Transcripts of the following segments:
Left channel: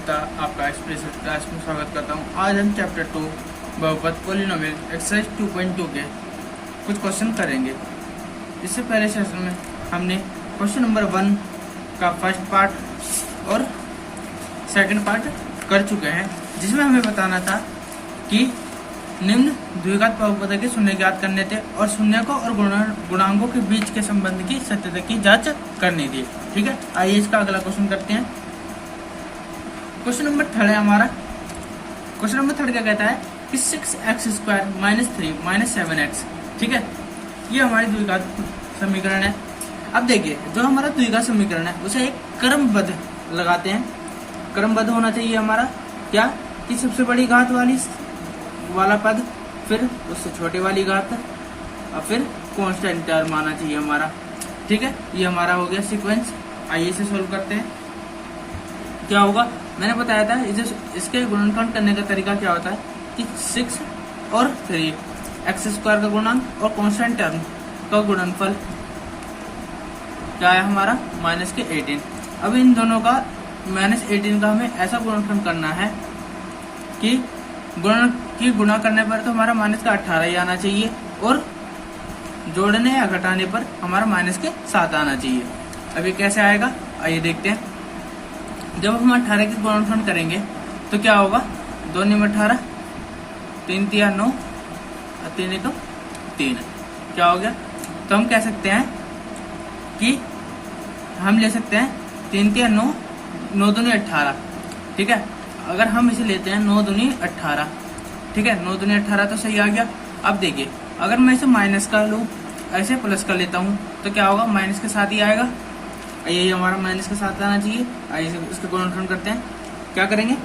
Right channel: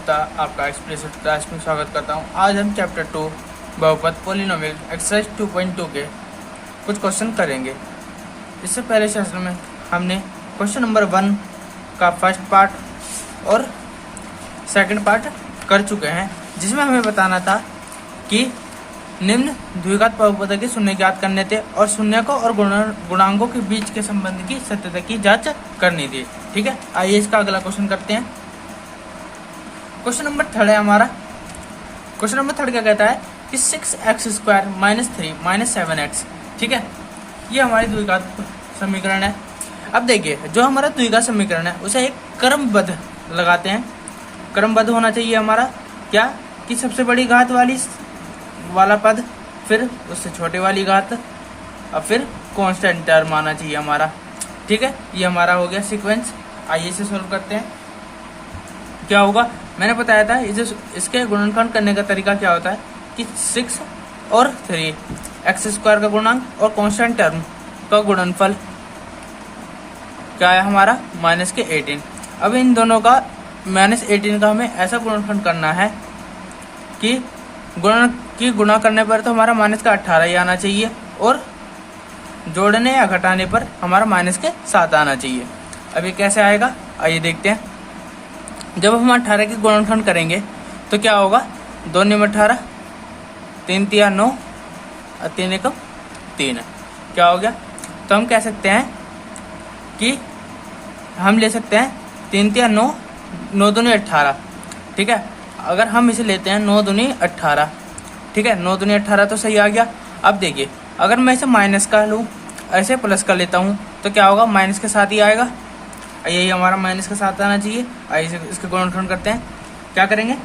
गुप्ता आपका expressive class में स्वागत करता हूं। आज हम चैप्टर 2 बहुपद पॉलिनोमियल एक्सरसाइज 2.2 के कुछ क्वेश्चन करेंगे। इससे पहले सेशन में हमने क्वेश्चन नंबर 1 का फर्स्ट पार्ट और सेकंड पार्ट कर चुके हैं, जिसमें हमें बताना था कि निम्न द्विघात बहुपद के शून्य ज्ञात करने थे और शून्य को और गुणांकों के बीच के संबंध की सत्यता की जांच करनी थी। ठीक है, आइए इसका अगला क्वेश्चन करते हैं। क्वेश्चन नंबर 3 है हमारा। क्वेश्चन नंबर 3 क्या कहता है कि 6x² - 3 - 7x। ठीक है, ये हमारी द्विघात समीकरण है। अब देखिए, जो हमारा द्विघात समीकरण है उसे एक क्रमबद्ध लगाते हैं। क्रमबद्ध होना चाहिए हमारा क्या कि सबसे बड़ी घात वाला पद, फिर उससे छोटे वाली घात और फिर कांस्टेंट टर्म आना चाहिए हमारा। ठीक है, ये हमारा हो गया सीक्वेंस। आइए इसे सोल्व करते हैं। क्या होगा, मैंने बताया था इसके गुणनखंड करने का तरीका क्या होता है कि 6 और 3 x² का गुणांक और कांस्टेंट टर्म का गुणनफल क्या है हमारा -18। अब इन दोनों का -18 का हमें ऐसा गुणनखंड करना है कि गुणा करने पर तो हमारा -18 ही आना चाहिए और जोड़ने या घटाने पर हमारा -7 आना चाहिए। अब ये कैसे आएगा, आइए देखते हैं। जब हम 18 के गुणनखंड करेंगे तो क्या होगा, 2 × 18, 3 × 9 और 3 × 3 क्या हो गया। तो हम कह सकते हैं कि हम ले सकते हैं 3 × 9, 9 दूनी 18। ठीक है, अगर हम इसे लेते हैं 9 दूनी 18, ठीक है, 9 दूनी 18 तो सही आ गया। अब देखिए, अगर मैं इसे माइनस का लूँ, ऐसे प्लस कर लेता हूँ तो क्या होगा, माइनस के साथ ही आएगा। यही हमारा माइनस के साथ आना चाहिए। आइए इसके गुणनखंड करते हैं। क्या करेंगे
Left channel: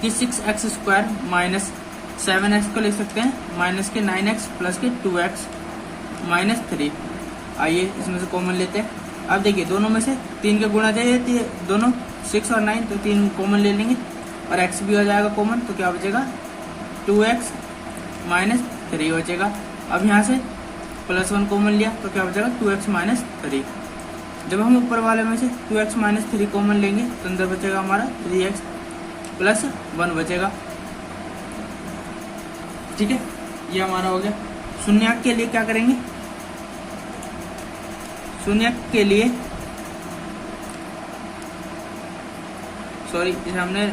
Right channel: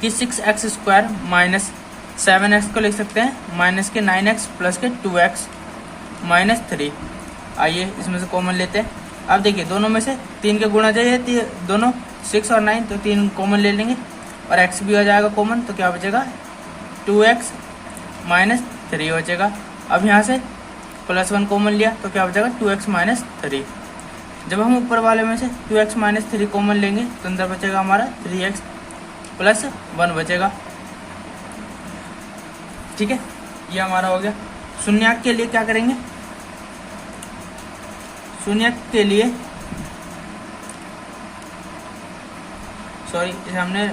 कि 6x² - 7x को लिख सकते हैं -9x + 2x - 3। आइए इसमें से कॉमन लेते हैं। अब देखिए, दोनों में से 3 के गुणा चाहिए, दोनों 6 और 9, तो 3 कॉमन ले लेंगे और x भी हो जाएगा कॉमन। तो क्या बचेगा, 2x - 3 बचेगा। अब यहाँ से +1 कॉमन लिया तो क्या बचेगा, 2x - 3। जब हम ऊपर वाले में से 2x - 3 कॉमन लेंगे तो अंदर बचेगा हमारा 3x + 1 बचेगा। ठीक है, ये हमारा हो गया। शून्यक के लिए क्या करेंगे, शून्यक के लिए सॉरी, इसे हमने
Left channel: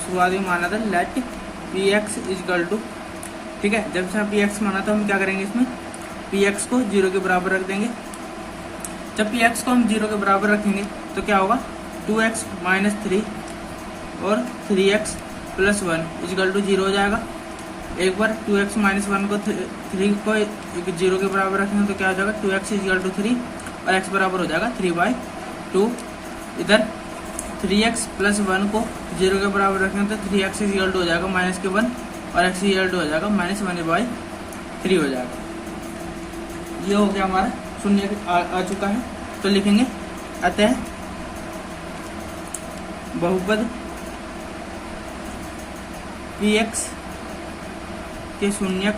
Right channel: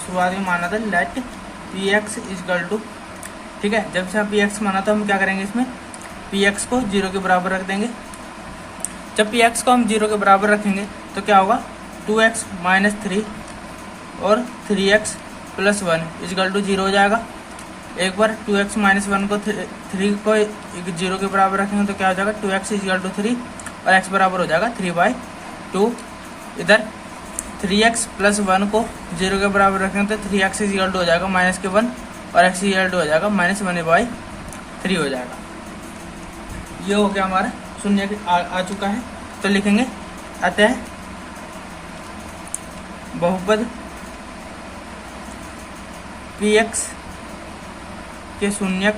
शुरुआत में माना था लेट px = ठीक है, जब से px माना था हम क्या करेंगे, इसमें px को 0 के बराबर रख देंगे। जब px को हम 0 के बराबर रखेंगे तो क्या होगा, 2x - 3 और 3x + 1 = 0 हो जाएगा। एक बार 2x - 1 को 3 को 0 के बराबर रखेंगे तो क्या हो जाएगा, 2x = 3 और x बराबर हो जाएगा 3/2। इधर 3x + 1 को 0 के बराबर रखेंगे तो 3x = हो जाएगा -1 और x = हो जाएगा -1/3 हो जाएगा। ये हो गया हमारा शून्य आ चुका है। तो लिखेंगे, अतः बहुपद px के शून्यक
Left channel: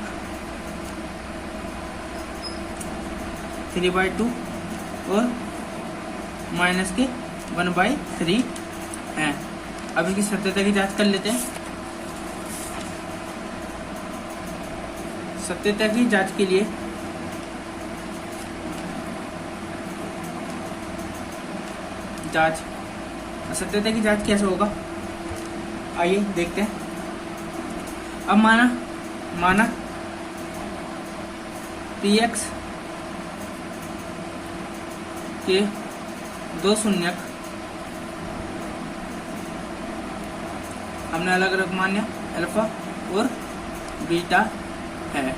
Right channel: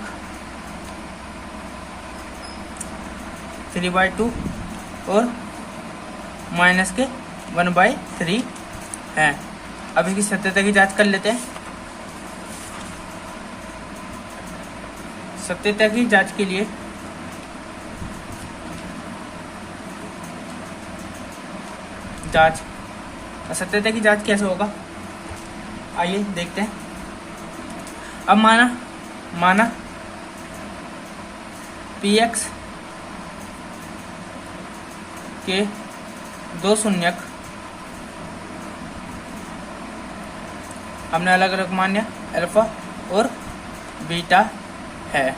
3/2 और -1/3 है। अब इसकी सत्यता की जांच कर लेते हैं। सत्यता की जांच के लिए सत्यता की जांच कैसे होगा, आइए देखते हैं। अब माना px के 2 शून्यक हमने अलग अलग मान लिया, अल्फा और बीटा है।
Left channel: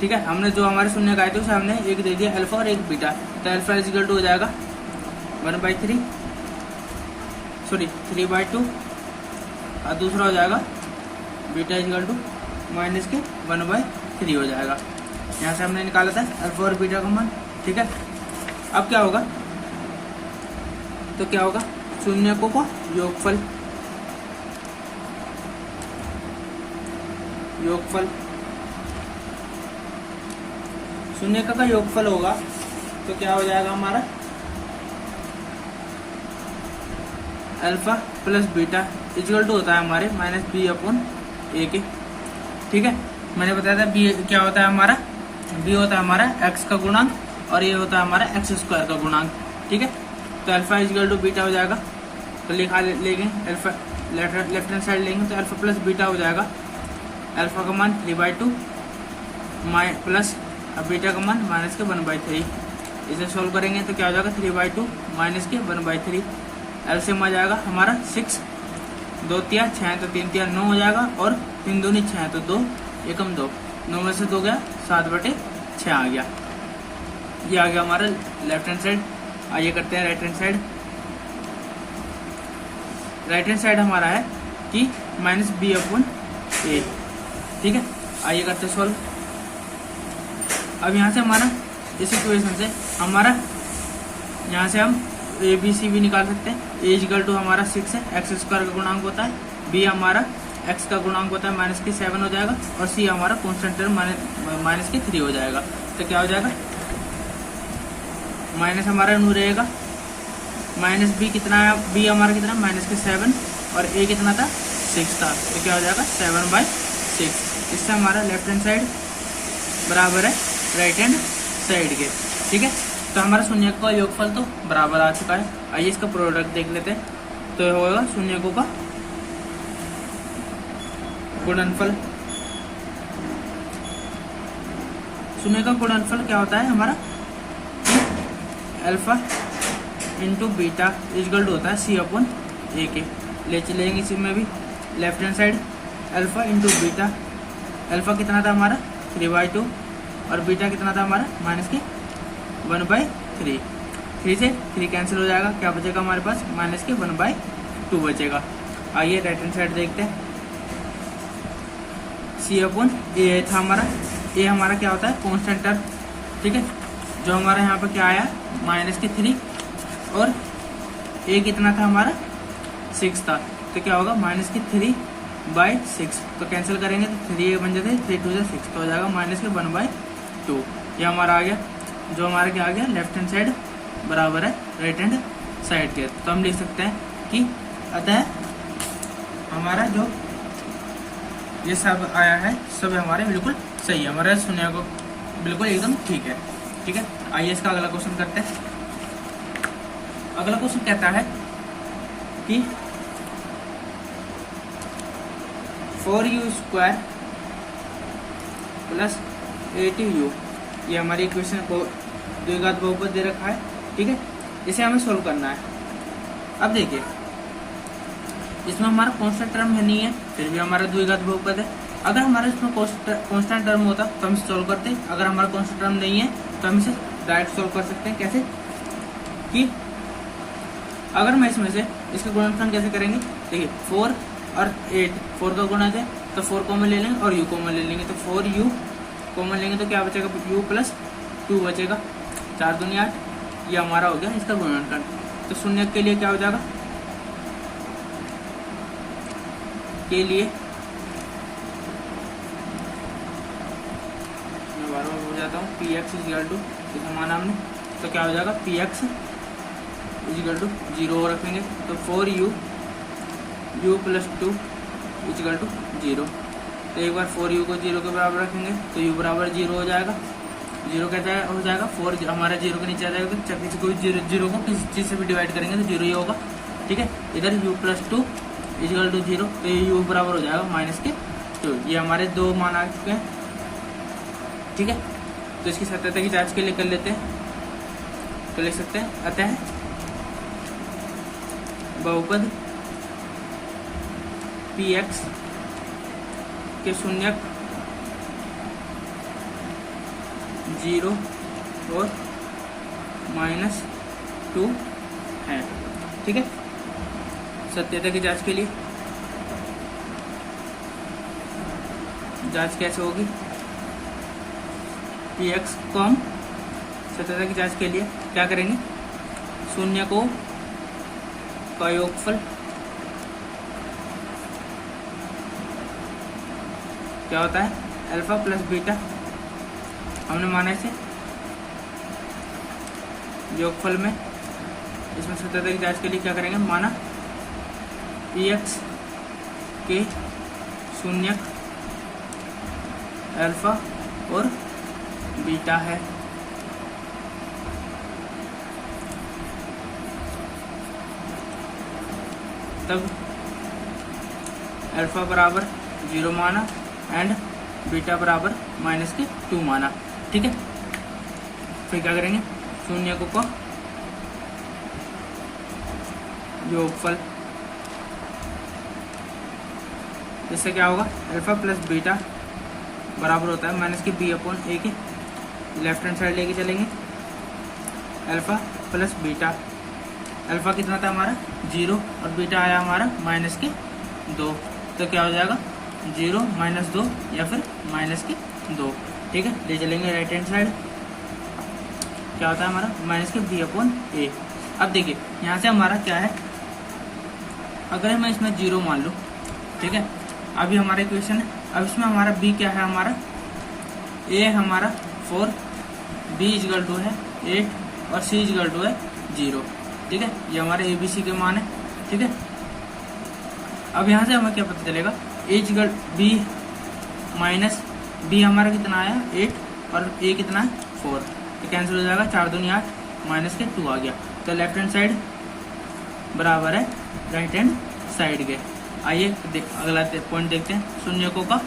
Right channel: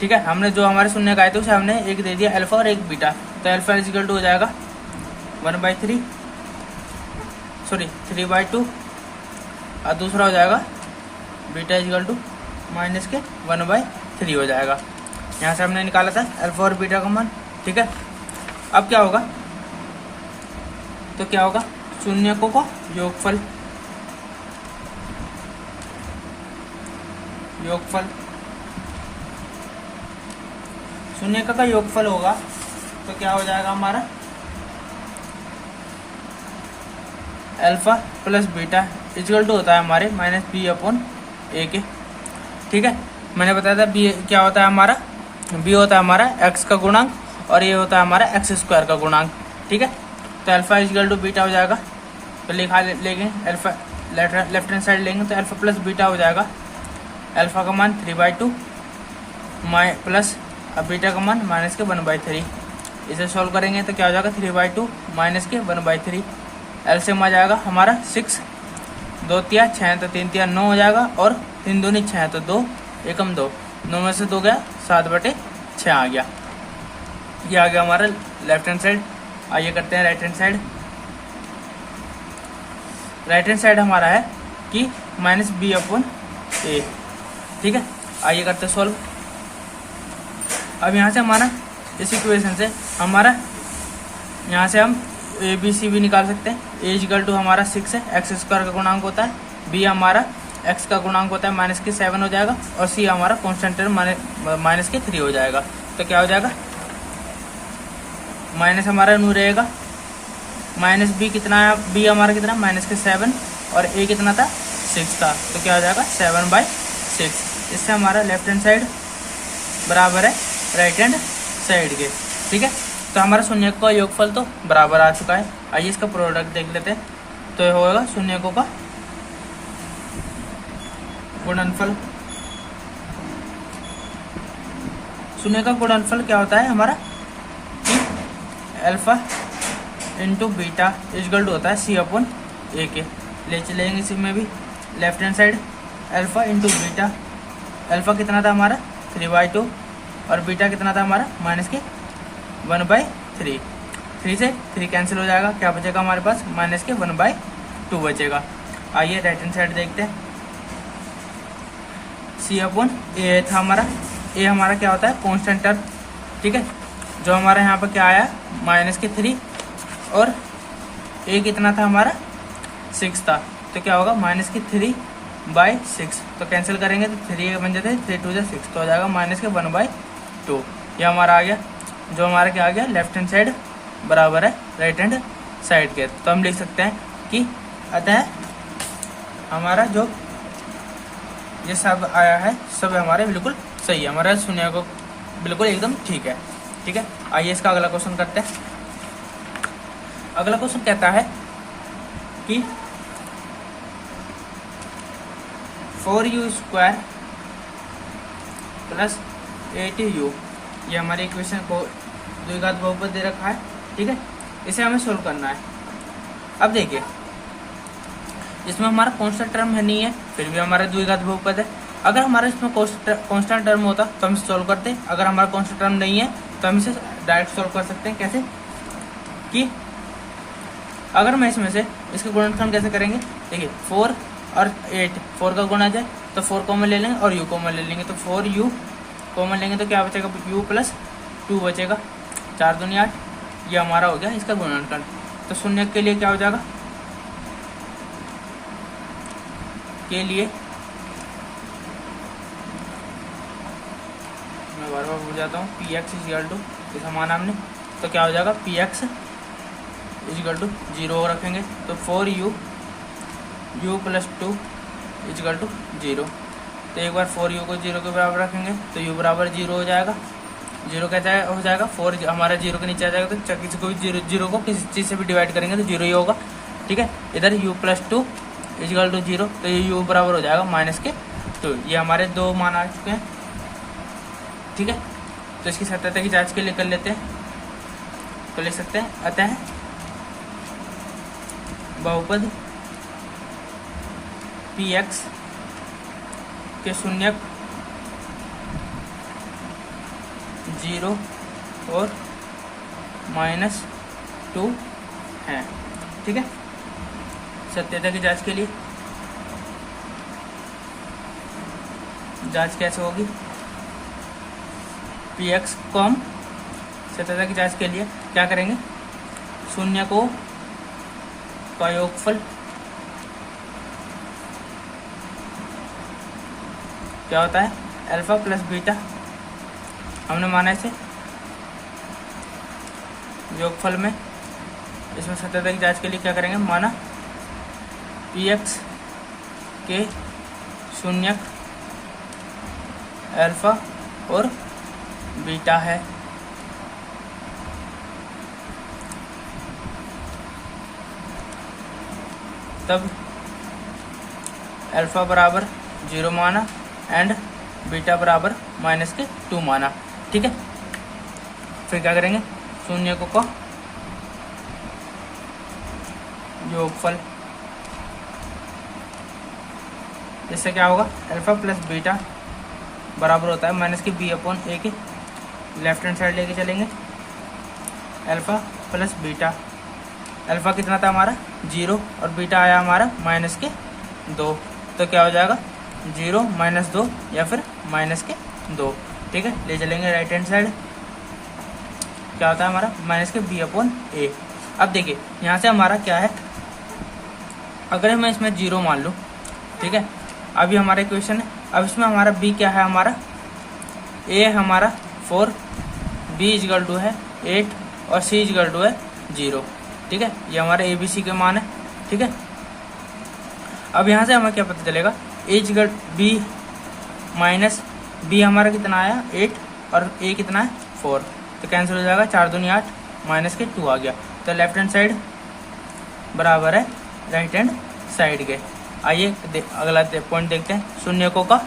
ठीक है, हमने जो हमारे शून्यक आए थे उसे हमने एक दे दिया अल्फा और एक बीटा। तो अल्फा = हो जाएगा 3/2 और दूसरा हो जाएगा बीटा = -1/3 हो जाएगा। यहाँ से हमने निकाला था अल्फा और बीटा का मान। ठीक है, अब क्या होगा, तो क्या होगा, शून्यकों का योगफल शून्य का योगफल होगा तो क्या हो जाएगा हमारा alpha plus beta equal to होता है हमारे माइनस बी अपॉन ए के। ठीक है, मैंने बताया था बी क्या होता है हमारा, बी होता है हमारा एक्स का गुणांक और ये होता है हमारा एक्स स्क्वायर का गुणांक। ठीक है, तो अल्फा इक्वल टू बीटा हो जाएगा, तो लिखा लेंगे अल्फा लेफ्ट हैंड साइड लेंगे तो अल्फा प्लस बीटा हो जाएगा। अल्फा का मान 3/2 प्लस अब बीटा का मान माइनस के 1/3। इसे सॉल्व करेंगे तो क्या हो जाएगा 3/2 माइनस के 1/3। एलसीएम आ जाएगा हमारा 6, 2 तिया 6 तो 3 तिया 9 हो जाएगा और 3 दूनी 6 तो 2 एकम 2, 9 में से 2 गया 7/6 आ गया। ये आ गया हमारा लेफ्ट हैंड साइड। आइए करते हैं right hand side. Right hand side हमारा है कि माइनस बी अपॉन ए। ठीक है, आइए करते हैं सॉल्व। अब यहाँ से हमारा इस इक्वेशन से हमारा यहाँ से हम ए बी सी भी निकाल सकते हैं। ए इक्वल टू हमारा 6 है, एक्स स्क्वायर का गुणांक होता है, बी हमारा एक्स का गुणांक होता है माइनस के 7 हो जाएगा और सी हमारा कॉन्स्टेंट टर्म माइनस के 3 हो जाएगा। तो क्या हो जाएगा माइनस हमारा न्यू रहेगा, माइनस बी कितना है, बी हमारा कितना माइनस के 7 और ए कितना था 6 था, तो क्या हो जाएगा 7/6। इससे हमारा लेफ्ट हैंड साइड बराबर है राइट हैंड साइड के। ठीक है, तो हमारा शून्यकों का योगफल तो बराबर आ चुका है। आइए इसका प्रोडक्ट देख लेते हैं। तो होगा शून्यकों का गुणनफल। शून्यकों का गुणनफल क्या होता है हमारा, alpha into beta equal to होता है सी अपॉन ए के। ले चलेंगे इसी में भी left hand side alpha into beta. Alpha कितना था हमारा 3/2 और बीटा कितना था हमारा माइनस के 1/3। 3 से 3 कैंसिल हो जाएगा, क्या बचेगा हमारे पास माइनस के 1/2 बचेगा। आइए राइट हैंड साइड देखते हैं। सी अपॉन ए था हमारा, ए हमारा क्या होता है कॉन्स्टेंट टर्म। ठीक है, जो हमारा यहाँ पर क्या आया माइनस के 3 और ए कितना था हमारा 6 था, तो क्या होगा माइनस की 3/6। तो कैंसिल करेंगे तो 3 बन जाते 3 2 से 6, तो हो जाएगा माइनस के 1/2। ये हमारा आ गया, जो हमारा क्या आ गया लेफ्ट हैंड साइड बराबर है राइट हैंड साइड के। तो हम लिख सकते हैं कि अतः हमारा जो ये सब आया है सब हमारे बिल्कुल सही है, हमारा शून्य को बिल्कुल एकदम ठीक है। ठीक है, आइए इसका अगला क्वेश्चन करते हैं। अगला क्वेश्चन कहता है कि 4u² प्लस 8u, ये हमारी इक्वेशन को द्विघात बहुपद दे रखा है। ठीक है, इसे हमें सोल्व करना है। अब देखिए इसमें हमारा कांस्टेंट टर्म है नहीं है, फिर भी हमारा द्विघात बहुपद है। अगर हमारा इसमें कांस्टेंट टर्म होता तो हम सोल्व करते, अगर हमारा कांस्टेंट टर्म नहीं है तो हम इसे डायरेक्ट सोल्व कर सकते हैं। कैसे कि अगर मैं इसमें से इसका गुणनफल कैसे करेंगे, देखिए 4 और 8, 4 का गुणा जाए तो 4 कॉमन ले लेंगे और u कॉमन ले लेंगे, तो 4u कॉमन लेंगे तो क्या बचेगा u प्लस 2 बचेगा, 4 दूनी 8। ये हमारा हो गया इसका गुणनफल। तो शून्य के लिए क्या हो जाएगा, के लिए मैं बार बार भूल जाता हूँ, px इक्वल टू जैसा माना हमने, तो क्या हो जाएगा px इक्वल टू 0 रखेंगे, तो 4u u plus 2 equal to 0। तो एक बार 4u को 0 के बराबर रखेंगे तो u बराबर 0 हो जाएगा। 0 कैसा हो जाएगा 4 हमारा 0 के नीचे आ जाएगा, तो किसी को 0 को किसी चीज़ से भी डिवाइड करेंगे तो 0 ही होगा। ठीक है, इधर u प्लस 2 इक्वल टू 0, तो ये u बराबर हो जाएगा माइनस के 2। ये हमारे दो मान आ चुके हैं। ठीक है, तो इसकी सत्यता की जांच के लिए कर लेते हैं, तो लिख सकते हैं अतः बहुपद px के शून्यक 0 और -2 है। ठीक है, सत्यता की जांच के लिए जांच कैसे होगी, px को हम सत्यता की जांच के लिए क्या करेंगे, शून्य को का योगफल क्या होता है अल्फा प्लस बीटा, हमने माना इसे योगफल में। इसमें सत्यता की जांच के लिए क्या करेंगे, माना पी एक्स के शून्यक अल्फा और बीटा है। तब अल्फा बराबर 0 माना एंड बीटा बराबर -2 माना। ठीक है, फिर क्या करेंगे, शून्यकों का योगफल, जिससे क्या होगा, अल्फा प्लस बीटा बराबर होता है -b/a की। लेफ्ट हैंड साइड लेके चलेंगे, अल्फा प्लस बीटा, अल्फा कितना था हमारा 0 और बीटा आया हमारा -2, तो क्या हो जाएगा 0 - 2 या फिर -2। ठीक है, ले चलेंगे राइट हैंड साइड, क्या होता है हमारा -b/a। अब देखिए यहाँ से हमारा क्या है, अगर मैं इसमें 0 मान लूँ, ठीक है, अभी हमारा इक्वेशन है, अब इसमें हमारा b क्या है, हमारा a हमारा 4, b = है 8 और c = है 0। ठीक है, ये हमारे ABC के मान है। ठीक है, अब यहाँ से हमें क्या पता चलेगा, b माइनस b हमारा कितना आया 8 और a कितना है 4, तो कैंसिल हो जाएगा, 4 दूनी 8 -2 आ गया। तो लेफ्ट हैंड साइड बराबर है राइट हैंड साइड के। आइए अगला पॉइंट देखते हैं, शून्यकों का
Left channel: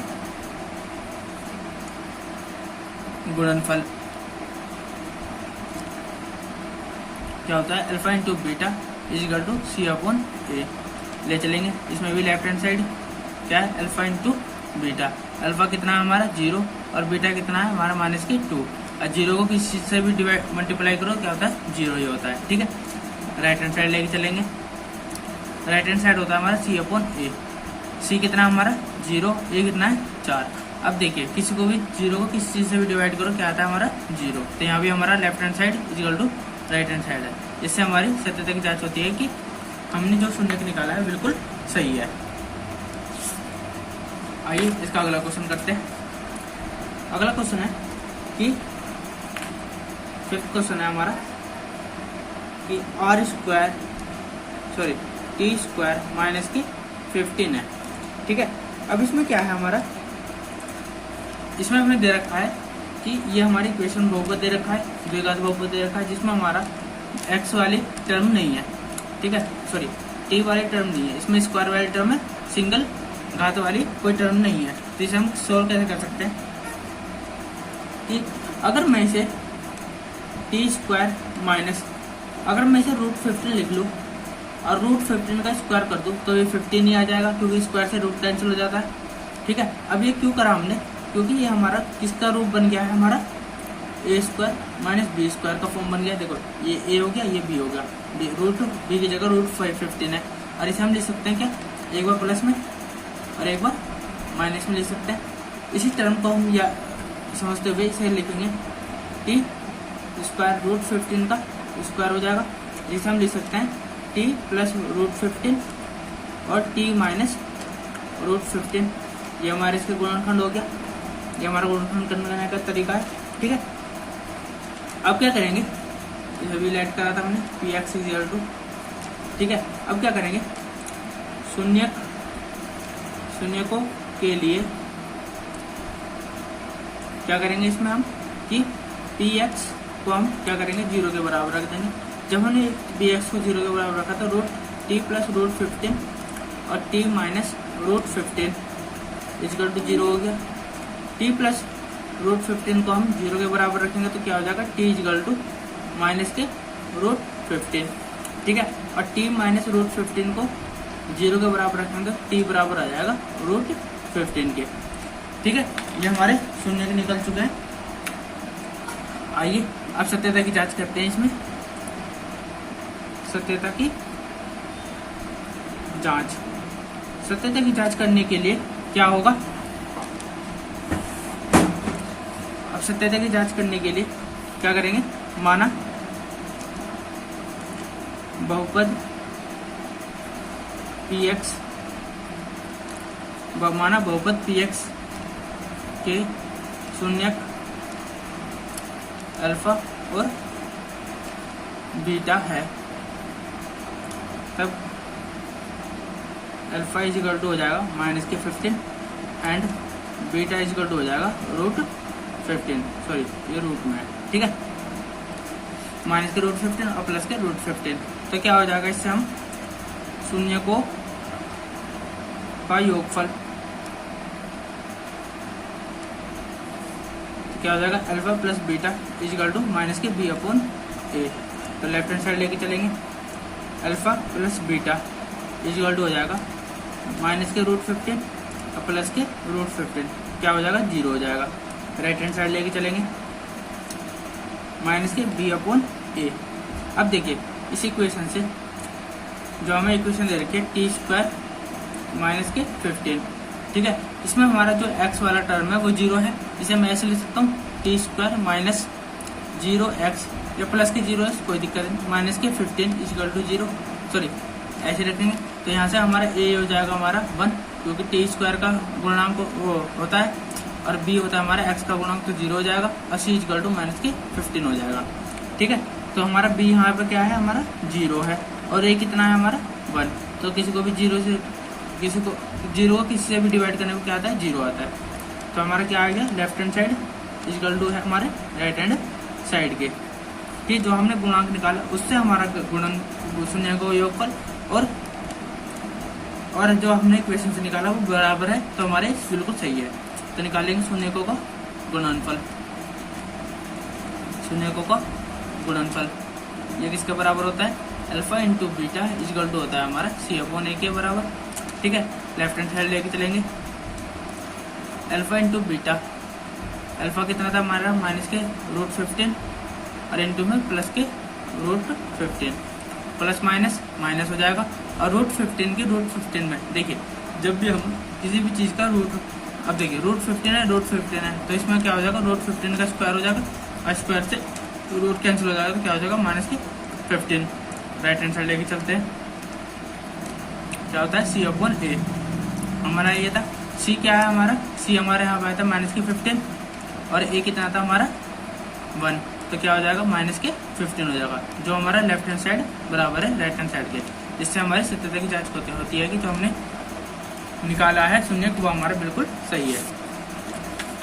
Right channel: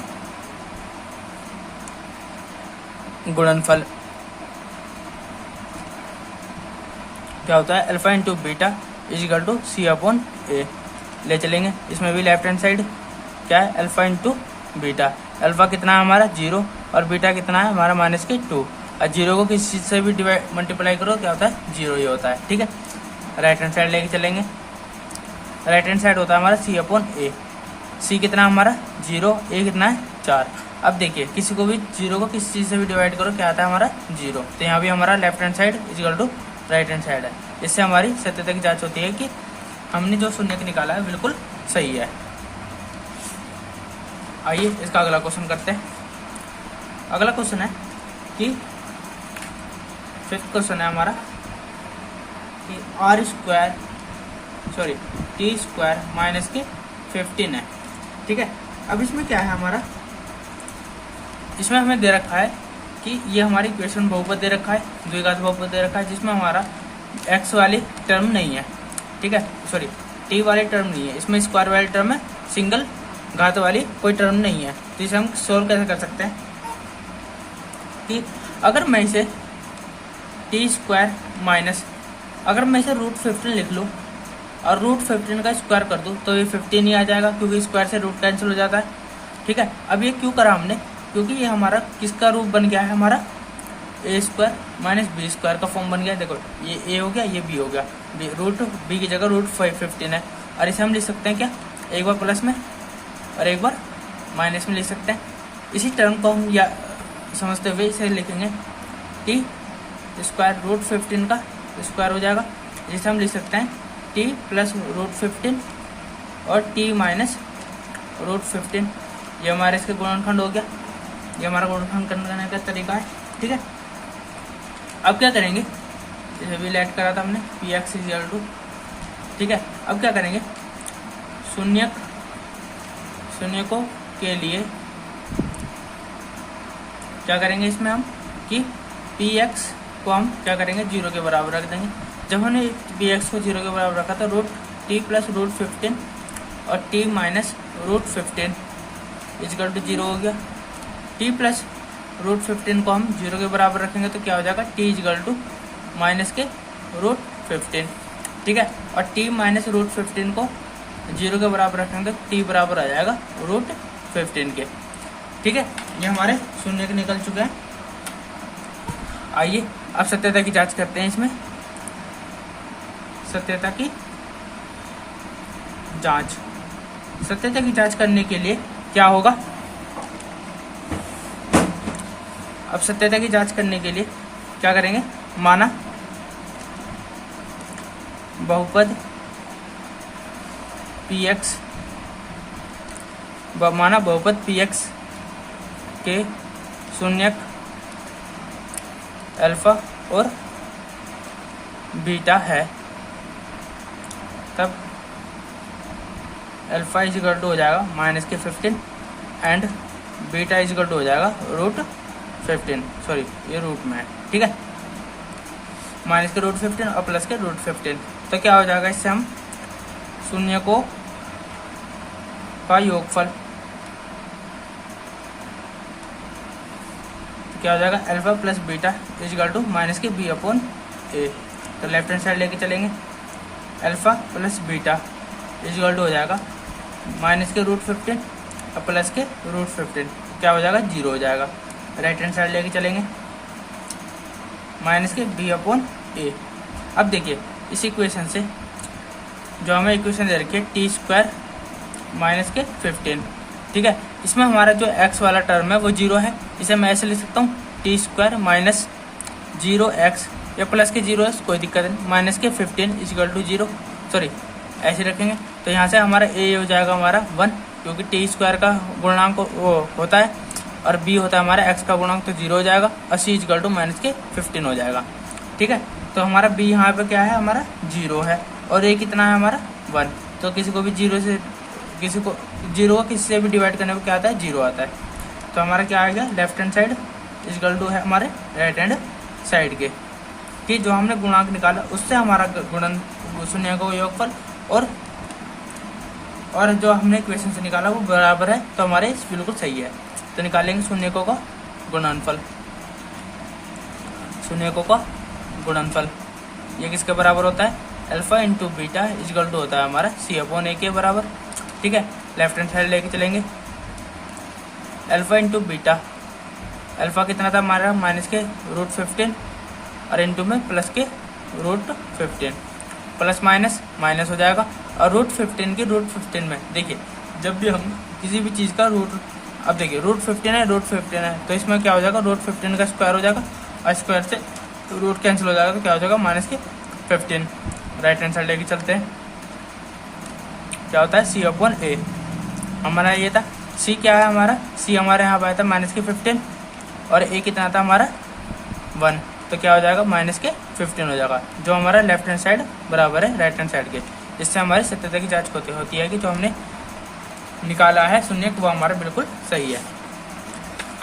गुणनफल क्या होता है, अल्फा इंटू बीटा = c/a। ले चलेंगे, इसमें भी लेफ्ट हैंड साइड क्या है, अल्फा इंटू बीटा, अल्फा कितना है हमारा 0 और बीटा कितना है हमारा -2, और 0 को किसी चीज से भी मल्टीप्लाई करो क्या होता है 0 ही होता है। ठीक है, राइट हैंड साइड लेके चलेंगे, राइट हैंड साइड होता है हमारा c/a, c कितना हमारा 0, a कितना है 4। अब देखिए किसी को भी 0 को किसी चीज से भी डिवाइड करो क्या आता है हमारा 0, तो यहाँ भी हमारा left hand side = right hand side है। इससे हमारी सत्यता की जांच होती है कि हमने जो शून्य निकाला है बिल्कुल सही है। आइए इसका अगला क्वेश्चन करते हैं। अगला क्वेश्चन है कि 5th क्वेश्चन है हमारा कि t² -15 है। ठीक है, अब इसमें क्या है हमारा, इसमें हमें दे रखा है कि ये हमारी इक्वेशन बहुपद दे रखा है, द्विघात बहुपद दे रखा है, जिसमें हमारा x वाली टर्म नहीं है। ठीक है, सॉरी t वाली टर्म नहीं है, इसमें स्क्वायर वाली टर्म है, सिंगल घात वाली कोई टर्म नहीं है। तो इसे हम सोल्व कैसे कर सकते हैं कि अगर मैं इसे t² अगर मैं इसे √15 लिख लूँ और √15 का स्क्वायर कर दूँ तो ये 15 ही आ जाएगा, क्योंकि स्क्वायर से रूट कैंसिल हो जाता है। ठीक है, अब ये क्यों करा हमने, क्योंकि ये हमारा किसका रूप बन गया है, हमारा a² - b² का फॉर्म बन गया। देखो ये a हो गया, ये b हो गया, b की जगह √15 है, और इसे हम लिख सकते हैं क्या, एक बार प्लस में और एक बार माइनस में लिख सकते हैं। इसी टर्म को हम या समझते हुए इसे लिखेंगे t² √15 का स्क्वायर हो जाएगा, जिसे हम लिख सकते हैं t + √15 और t - √15। ये हमारे इसके गुणनखंड हो गया, ये हमारा गुणनखंड करने का तरीका है। ठीक है, अब क्या करेंगे, इसे भी लेट करा था हमने px = ठीक है, अब क्या करेंगे, शून्यकों के लिए क्या करेंगे, इसमें हम कि px को हम क्या करेंगे 0 के बराबर रख देंगे। जब हमने px को 0 के बराबर रखा था, t + √15 और t - √15 = 0 हो गया। t + √15 को हम 0 के बराबर रखेंगे तो क्या हो जाएगा, t = -√15। ठीक है, और t - √15 को 0 के बराबर रखेंगे तो t बराबर आ जाएगा √15 के। ठीक है, ये हमारे शून्य निकल चुके हैं। आइए अब सत्यता की जांच करते हैं। इसमें सत्यता की जांच करने के लिए क्या होगा, अब सत्यता की जांच करने के लिए क्या करेंगे, माना बहुपद px के शून्यक अल्फा और बीटा है, तब अल्फा इज इक्वल टू हो जाएगा माइनस के 15 and beta is equal to हो जाएगा रूट 15, सॉरी ये रूट में है, ठीक है, माइनस के रूट 15 और प्लस के रूट 15। तो क्या हो जाएगा, इससे हम शून्य को का योगफल क्या हो जाएगा, alpha plus beta is equal to minus के बी अपॉन ए। तो लेफ्ट हैंड साइड लेके चलेंगे, alpha plus beta is equal to हो जाएगा माइनस के रूट 15 और प्लस के रूट 15, क्या हो जाएगा, 0 हो जाएगा। राइट हैंड साइड लेके चलेंगे, माइनस के बी अपॉन ए। अब देखिए इस इक्वेशन से जो हमें इक्वेशन दे रखी है टी स्क्वायर माइनस के 15, ठीक है, इसमें हमारा जो x वाला टर्म है वो 0 है, इसे मैं ऐसे लिख सकता हूँ टी स्क्वायर माइनस 0x या प्लस के 0 है, कोई दिक्कत नहीं, माइनस के 15 इज इक्वल टू 0, सॉरी ऐसे रखेंगे। तो यहाँ से हमारा a हो जाएगा हमारा 1, क्योंकि टी स्क्वायर का गुणांक वो होता है और b होता है हमारा x का गुणांक, तो 0 हो जाएगा और c is equal to minus के 15 हो जाएगा, ठीक है। तो हमारा b यहाँ पे क्या है, हमारा 0 है और a कितना है हमारा 1। तो किसी को भी 0 को किसी से भी डिवाइड करने में क्या आता है, 0 आता है। तो हमारा क्या आ गया, left hand side is equal to है हमारे राइट हैंड साइड के, कि जो हमने गुणांक निकाला उससे हमारा गुणन शून्य को योगफल और जो हमने इक्वेशन से निकाला वो बराबर है, तो हमारे बिल्कुल सही है। तो निकालेंगे शून्य को गुणनफल, शून्य को गुणनफल ये किसके बराबर होता है, alpha into beta is equal to होता है हमारा सी अपॉन ए के बराबर, ठीक है। लेफ्ट हैंड साइड लेके चलेंगे, अल्फा इंटू बीटा, अल्फा कितना था हमारा माइनस के रूट 15 और इंटू में प्लस के रूट 15, प्लस माइनस माइनस हो जाएगा और रूट 15 के रूट 15 में देखिए जब भी हम किसी भी चीज़ का रूट, अब देखिए रूट 15 है, रूट 15 है, तो इसमें क्या हो जाएगा, रूट 15 का स्क्वायर हो जाएगा और स्क्वायर से रूट कैंसिल हो जाएगा, तो क्या हो जाएगा माइनस के 15। राइट हैंड साइड लेके चलते हैं, क्या होता है सी अपॉन ए, हमारा ये था सी क्या है हमारा, सी हमारे यहाँ पे आया था माइनस के 15 और ए कितना था हमारा 1, तो क्या हो जाएगा माइनस के 15 हो जाएगा, जो हमारा लेफ्ट हैंड साइड बराबर है राइट हैंड साइड के। इससे हमारी सत्यता की जांच होती है कि जो हमने निकाला है शून्य वो हमारा बिल्कुल सही है।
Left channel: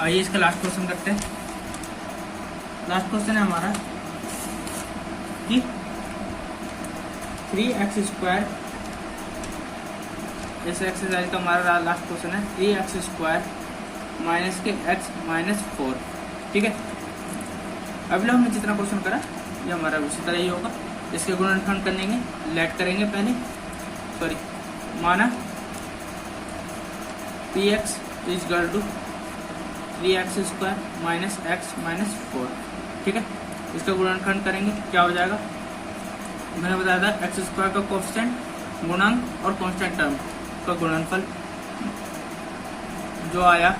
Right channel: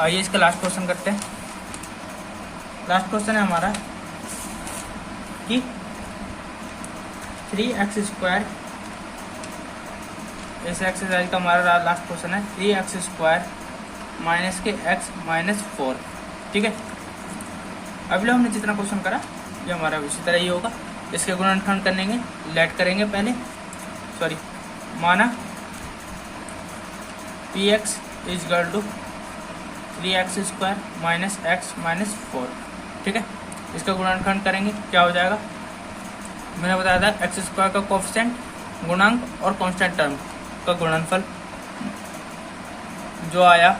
आइए इसका लास्ट क्वेश्चन करते हैं। लास्ट क्वेश्चन है हमारा कि 3x², इस एक्सरसाइज का हमारा लास्ट क्वेश्चन है 3x² माइनस के x माइनस 4, ठीक है। अभी लोग हमने जितना क्वेश्चन करा ये हमारा उसी तरह ही होगा। इसके गुणनखंड करेंगे, लेट करेंगे पहले, सॉरी माना px is equal to 3x² minus x minus 4, ठीक है। इसका गुणनखंड करेंगे, क्या हो जाएगा, मैंने बताया था x² का कोएफिशिएंट गुणांक और कांस्टेंट टर्म का गुणनफल जो आया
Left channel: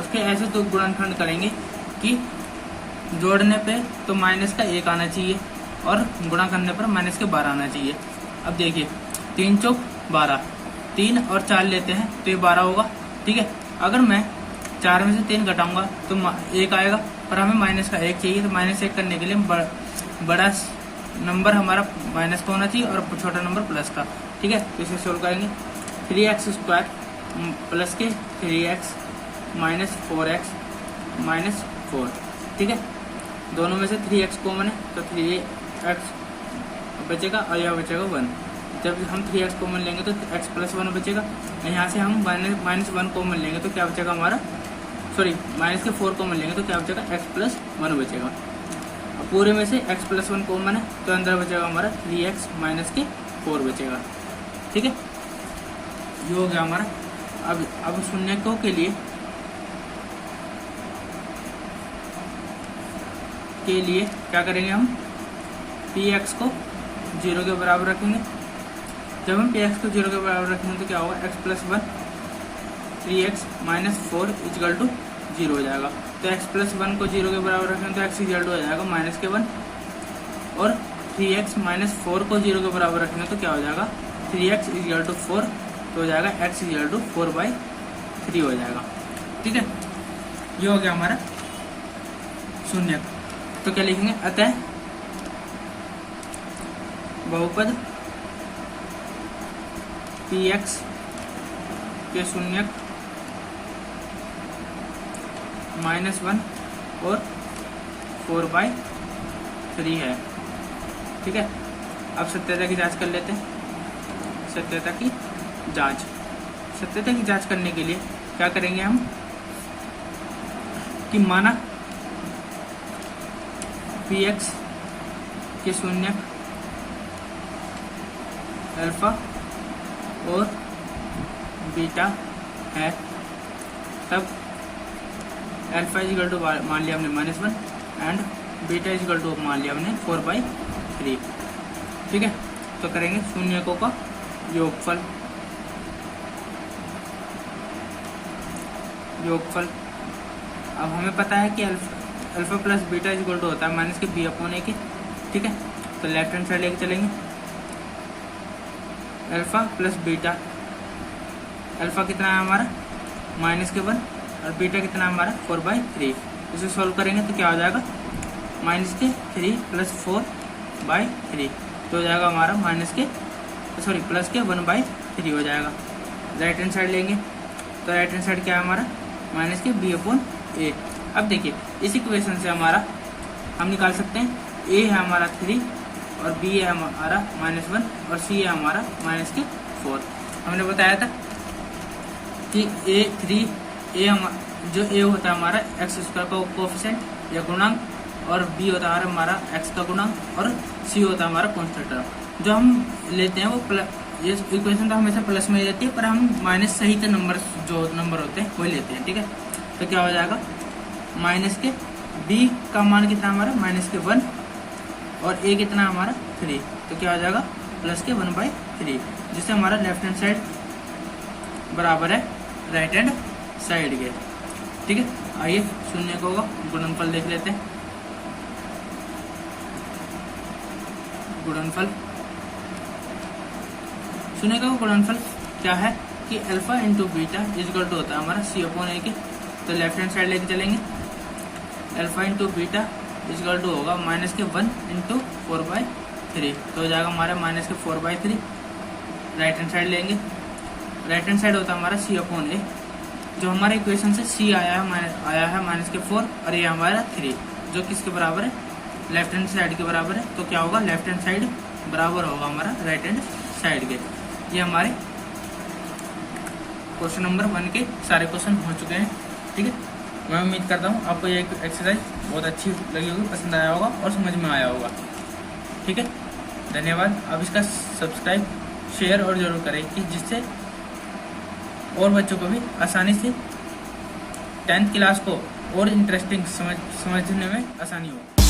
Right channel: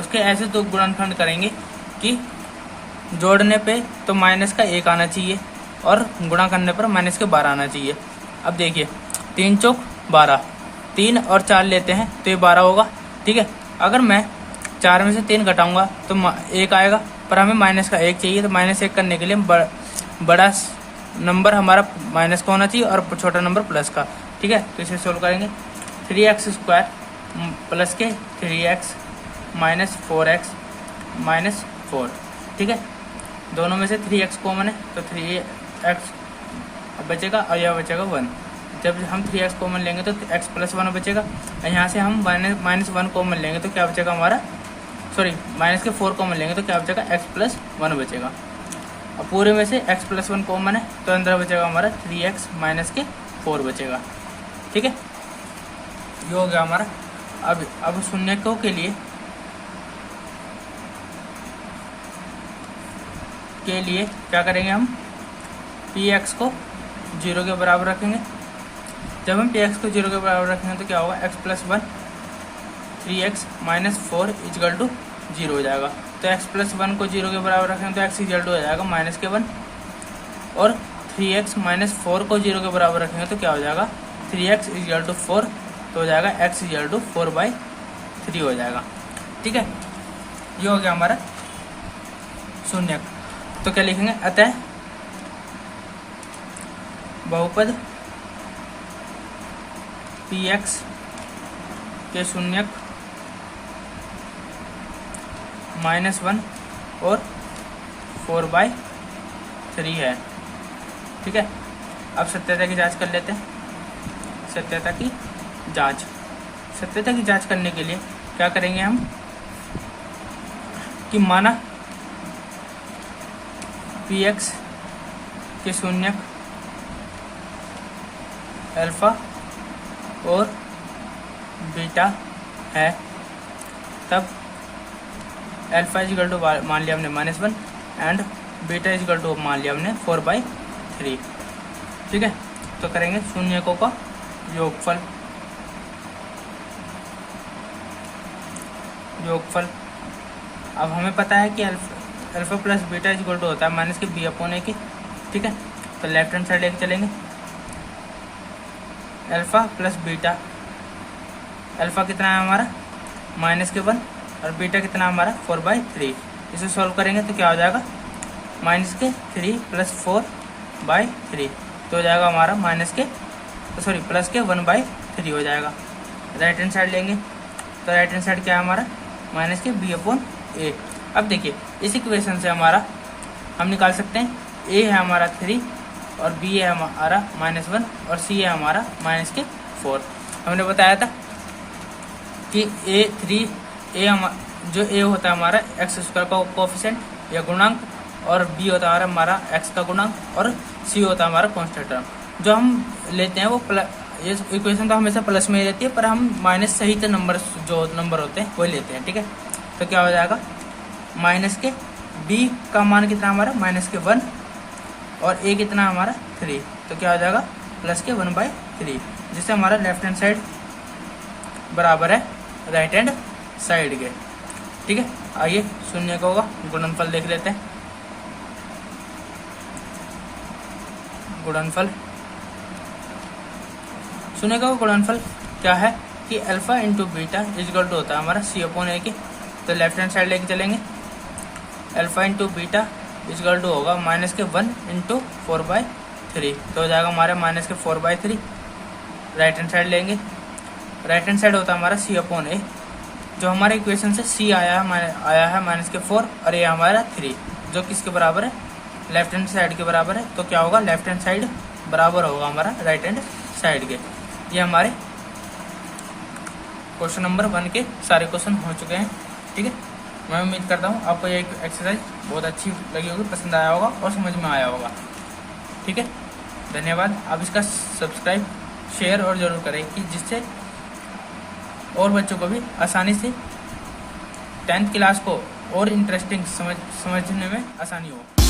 उसके ऐसे दो गुणनखंड करेंगे कि जोड़ने पे तो माइनस का 1 आना चाहिए और गुणा करने पर माइनस के 12 आना चाहिए। अब देखिए 3 चौक 12, 3 और 4 लेते हैं तो ये 12 होगा, ठीक है। अगर मैं 4 में से 3 घटाऊंगा तो 1 आएगा, पर हमें माइनस का 1 चाहिए, तो माइनस 1 करने के लिए बड़ा नंबर हमारा माइनस का होना चाहिए और छोटा नंबर प्लस का, ठीक है। तो इसे सोल्व करेंगे, 3x² प्लस के 3x माइनस 4x माइनस 4, ठीक है। दोनों में से 3x कॉमन है तो 3x बचेगा और यह बचेगा 1। जब हम 3x कॉमन लेंगे तो x प्लस 1 बचेगा, और यहाँ से हम माइनस 1 कॉमन लेंगे तो क्या बचेगा हमारा, सॉरी माइनस के 4 कॉमन लेंगे तो क्या बचेगा, x प्लस 1 बचेगा। और पूरे में से x प्लस 1 कॉमन है तो अंदर बचेगा हमारा 3x माइनस के 4 बचेगा, ठीक है। ये हो गया हमारा। अब शून्यकों के लिए क्या करेंगे, हम px को 0 के बराबर रखेंगे। जब हम px को 0 के बराबर रखेंगे तो क्या होगा, x प्लस 1 3x minus 4 is equal to 0 हो जाएगा। तो x प्लस 1 को 0 के बराबर रखेंगे तो x इक्वल टू हो जाएगा माइनस के 1, और 3x माइनस 4 को 0 के बराबर रखेंगे तो क्या हो जाएगा, 3x इक्वल टू 4, तो हो जाएगा x इक्वल टू 4/3 हो जाएगा, ठीक है। ये हो गया हमारा शून्य। तो क्या लिखेंगे, अतः बहुपद px के शून्यक -1 और 4/3 है। ठीक है, अब सत्यता की जांच कर लेते हैं। सत्यता की जांच करने के लिए क्या करेंगे हम कि माना px के शून्यक अल्फा और बीटा है, तब अल्फा इजिकल टू मान लिया हमने -1 एंड बीटा इजिकल टू मान लिया हमने 4/3। ठीक है, तो करेंगे शून्यकों का योगफल। अब हमें पता है कि alpha plus beta equal to होता है माइनस के b/a की। ठीक है, तो लेफ्ट हैंड साइड लेके चलेंगे। अल्फा प्लस बीटा, अल्फा कितना है हमारा -1 और बीटा कितना है हमारा 4/3। इसे सॉल्व करेंगे तो क्या हो जाएगा -3 + 4/3, तो हो जाएगा हमारा प्लस के 1/3 हो जाएगा। राइट हैंड साइड लेंगे तो राइट हैंड साइड क्या है हमारा -b/a। अब देखिए इस इक्वेशन से हमारा हम निकाल सकते हैं a है हमारा 3 और b है हमारा -1 और c है हमारा -4। हमने बताया था कि जो a होता है हमारा x² का कोफिशिएंट या गुणांक, और b होता है हमारा x का गुणांक, और c होता है हमारा कांस्टेंट टर्म। जो हम लेते हैं वो ये इक्वेशन तो हमेशा प्लस में रहती है, पर हम माइनस सहित नंबर जो नंबर होते हैं वही लेते हैं। ठीक है, तो क्या हो जाएगा माइनस के b का मान कितना हमारा -1 और a कितना हमारा 3, तो क्या हो जाएगा प्लस के 1/3, जिससे हमारा लेफ्ट हैंड साइड बराबर है राइट हैंड साइड के। ठीक है, आइए शून्य का होगा गुणनफल देख लेते हैं। गुणनफल, शून्य का गुणनफल क्या है कि alpha into beta equal to होता है हमारा c/a के। तो लेफ्ट हैंड साइड लेके चलेंगे। Alpha into beta equal to होगा -1 × 4/3, तो हो जाएगा हमारे -4/3। राइट हैंड साइड लेंगे। राइट हैंड साइड होता है हमारा c/a, जो हमारे इक्वेशन से c आया है -4 और a हमारा 3, जो किसके बराबर है लेफ्ट हैंड साइड के बराबर है। तो क्या होगा लेफ्ट हैंड साइड बराबर होगा हमारा राइट हैंड साइड के। ये हमारे क्वेश्चन नंबर 1 के सारे क्वेश्चन हो चुके हैं। ठीक है, मैं उम्मीद करता हूँ आपको ये एक्सरसाइज बहुत अच्छी लगी होगी, पसंद आया होगा और समझ में आया होगा। ठीक है, धन्यवाद। आप इसका सब्सक्राइब शेयर और जरूर करें कि जिससे और बच्चों को भी आसानी से 10th क्लास को और इंटरेस्टिंग समझने में आसानी हो।